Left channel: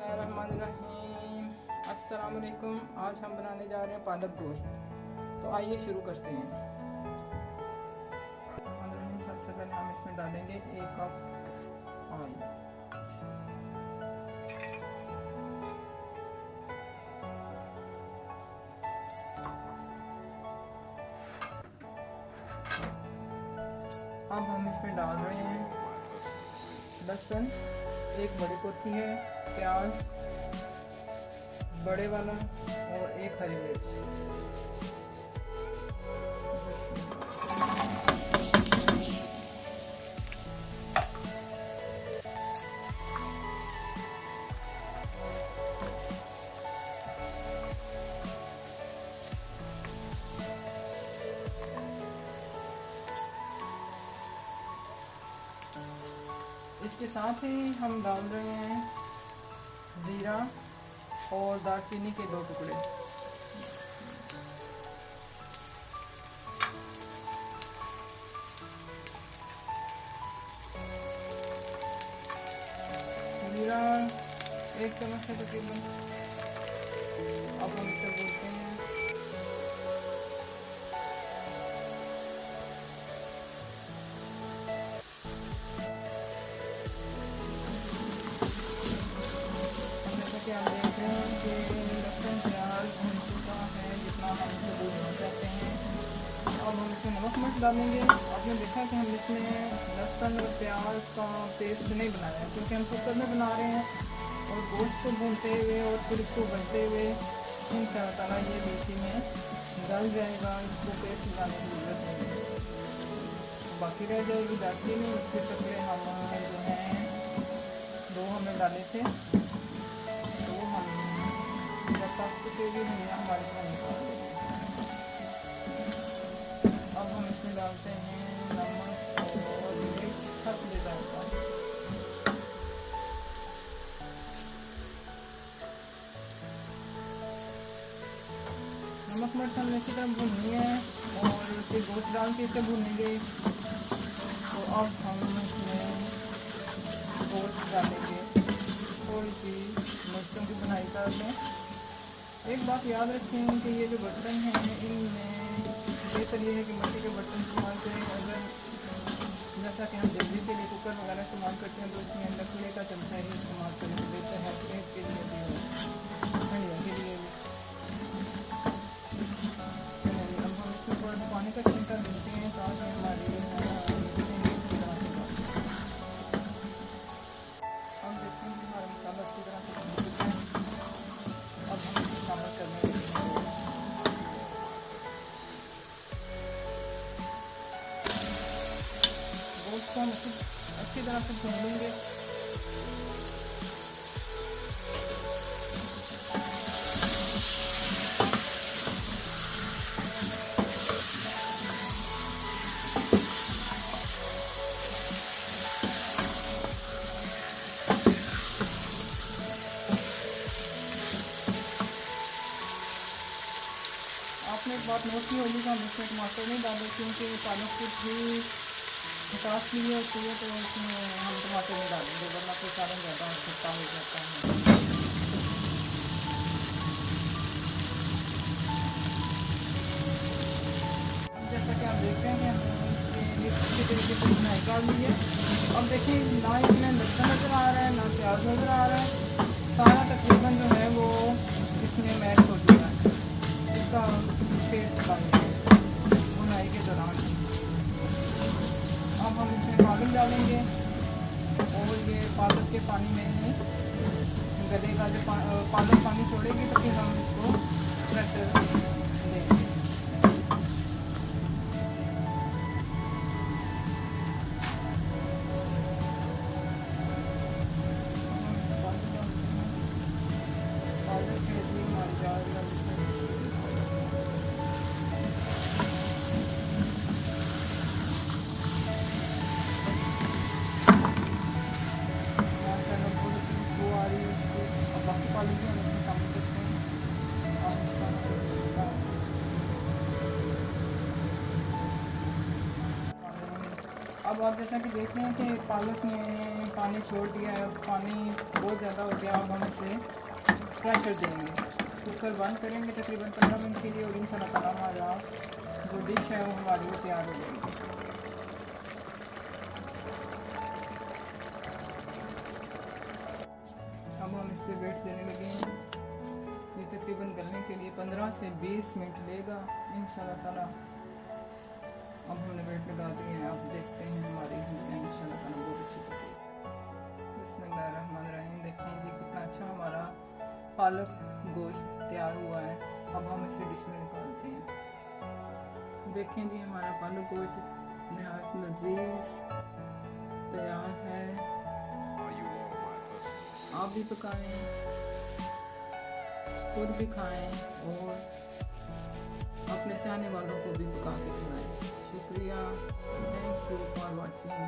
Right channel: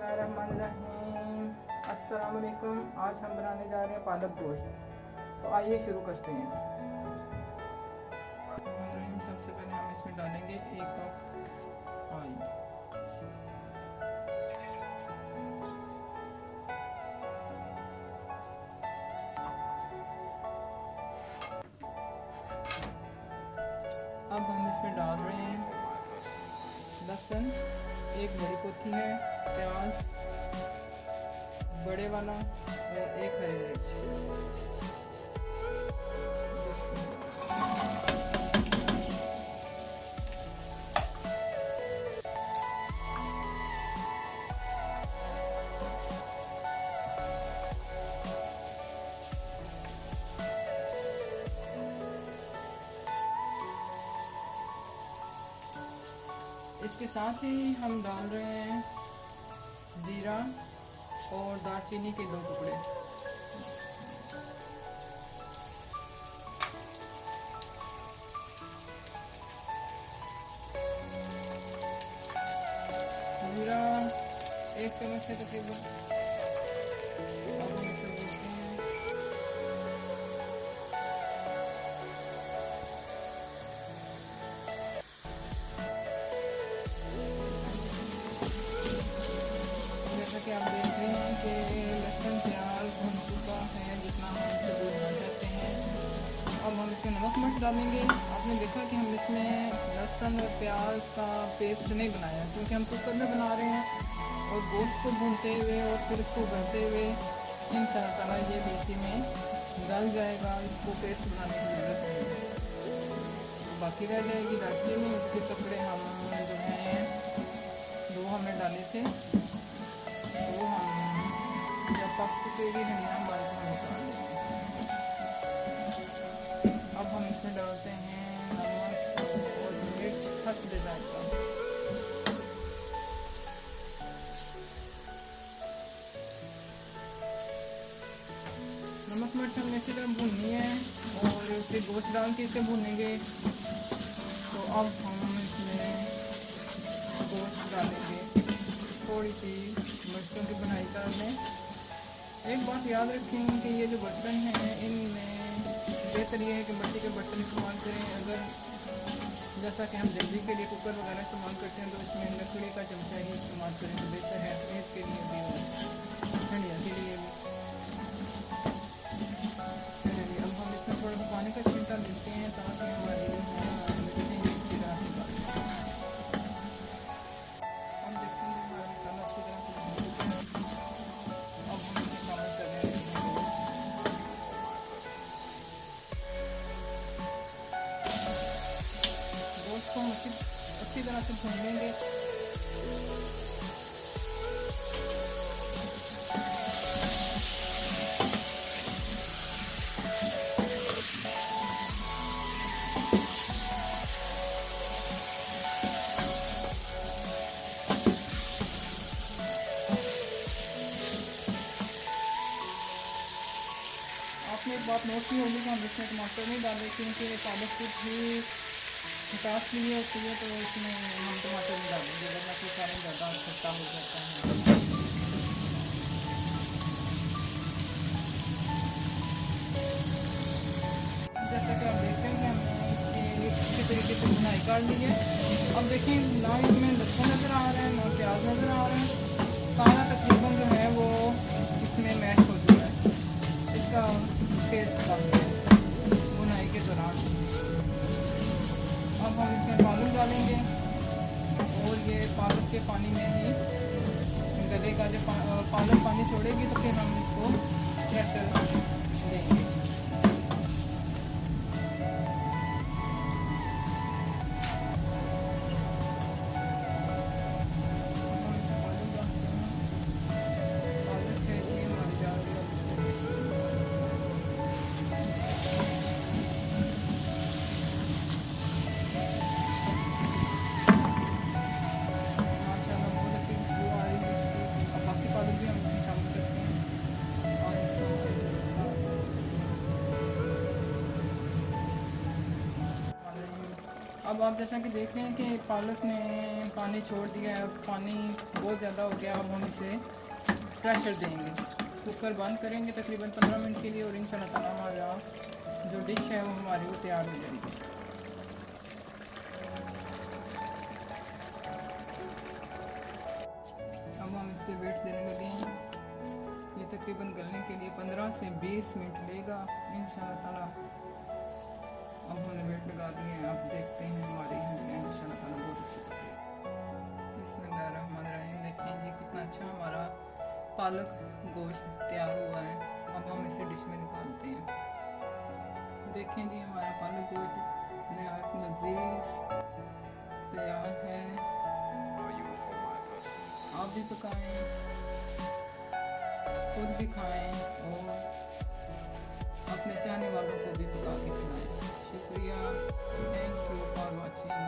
बिस्मिल्लाहिर्रहमानिर्रहीम। अस्सलाम वालेकुम। आज हम बनाने जा रहे हैं पालक गोश्त। तो आइए शुरू करते हैं। सबसे पहले हम इसमें डालेंगे 1 कप ऑयल। अब हम इसमें डाल रहे हैं लहसुन, 1 बड़ी पोथी है, प्याज बड़े वाला और 1 हरी मिर्च। इसके साथ ही हम डाल रहे हैं ज़ीरा और दालचीनी के 2 टुकड़े। ज़ीरा 1 चम्मच है तकरीबन। अब हम इसे भूनते हैं। कि आप देख रहे हैं कि लहसुन प्याज भून चुका है जितना हम इसे भूनना चाहते हैं। अब हम इसमें नमक मिर्च डालेंगे। आपने देखा कि हम इसमें लहसुन और प्याज का पेस्ट नहीं बनाया क्योंकि हम कुकर में बना रहे हैं और गोश्त को भूनते हुए और फिर इसको उबलते हुए इंशाअल्लाह ये इसी में गल जाएगा। इसको पेस्ट बनाने की ज़रूरत नहीं है। तो बाकी रह जाएगी दालचीनी। इसके टुकड़े हम जो हैं 2 हमने डाले थे, तो हम जब पक चुकेगी धनिया हमारे को हम निकाल देंगे। अब हम इसमें डालते हैं नमक और मिर्च हस्ब जायका। नमक मिर्च हमने इसी तरह भूननी है और फिर गोश्त डाल के इसे भूनेंगे। तो अब हम इसमें गोश्त डालेंगे, थोड़ी सी मिर्चों की बनाई डाल दें। एक बात याद रखें कि ये जो बर्तन हैं इनमें बेहतर ये है कि मिट्टी के बर्तन इस्तेमाल करें। अगर जैसा कि हम जल्दी के लिए कुकर वगैरह इस्तेमाल करते हैं तो उसमें लकड़ी का चमचा ही इस्तेमाल करें तो बेहतर है, सेहत के लिए भी और ठंडिया के लिए भी। अब हम इसमें थोड़ा सा पानी का छिंटा देते हैं ताकि हमारी मिक्सिंग अच्छी तरह से बन जाए। हम देखते हैं कि हमारा मसाला अच्छी तरह से भून चुका है। अब हम इसमें शामिल करने लगे हैं गोश्त को हम अच्छी तरह से भून लेंगे। आपने एक बात नोट की होगी कि हम इसमें टमाटर नहीं डाले क्योंकि पालक की भी खटास लिए होती है, तो इसमें हम टमाटर नहीं डालेंगे वरना फिर सारा ज़्यादा खट्टा हो जाता है। जैसे कि आप देखते हैं कि हमने इसी तरीके से बनाई डाल ली है। अब देखें ना इसमें लहसुन नज़र आ रहा है ना प्याज नज़र आ रहा है, सारा तकरीबन जो है वो इसमें मैश हो चुका है। इसका टेस्ट कम है बुनाई के दौरान। अब हम इसमें पालक डालेंगे और ये पालक के पानी में ही गलेगा। जब पालक पानी छोड़ेगी तो फिर हम इसको क्रश देंगे। पालक है जी हमारी जाएगा बाकी पालक भी हम इसमें शामिल करते हैं और इसका अब आप जैसा कि देख रहे हैं कि पालक ने पानी छोड़ दिया है, पानी बहुत ज़्यादा हो गया। अब हम इसे प्रेशर देंगे, कुकर बंद करेंगे तकरीबन 15 मिनट के लिए और इंशाल्लाह ताला हमारा जो डिश है वो हमारी वो तैयार हो जाएगी। अब हम इस पर वेट देने लगे हैं। ये तकरीबन गलने के लिए 15 से 20 मिनट लेगा इंशाल्लाह ताला। अब हमने वेट लगा दिए हैं। अब देखते हैं हमारी हंडियाँ इंशाल्लाह ताला बहुत अच्छी पकेगी। बिस्मिल्लाहिर्रहमानिर्रहीम। देखें जी कितना अच्छा हमारा पालक गोश्त तैयार हुआ है। अब हम इसे डिश में निकालते हैं। देखें जी हमारा पालक गोश्त नहायत लजीज तैयार है। आप भी पकाएं, खुद भी खाएं और अपने चाहने वालों को भी पका के खिलाएं। शुक्रिया, थैंक यू फॉर वॉचिंग।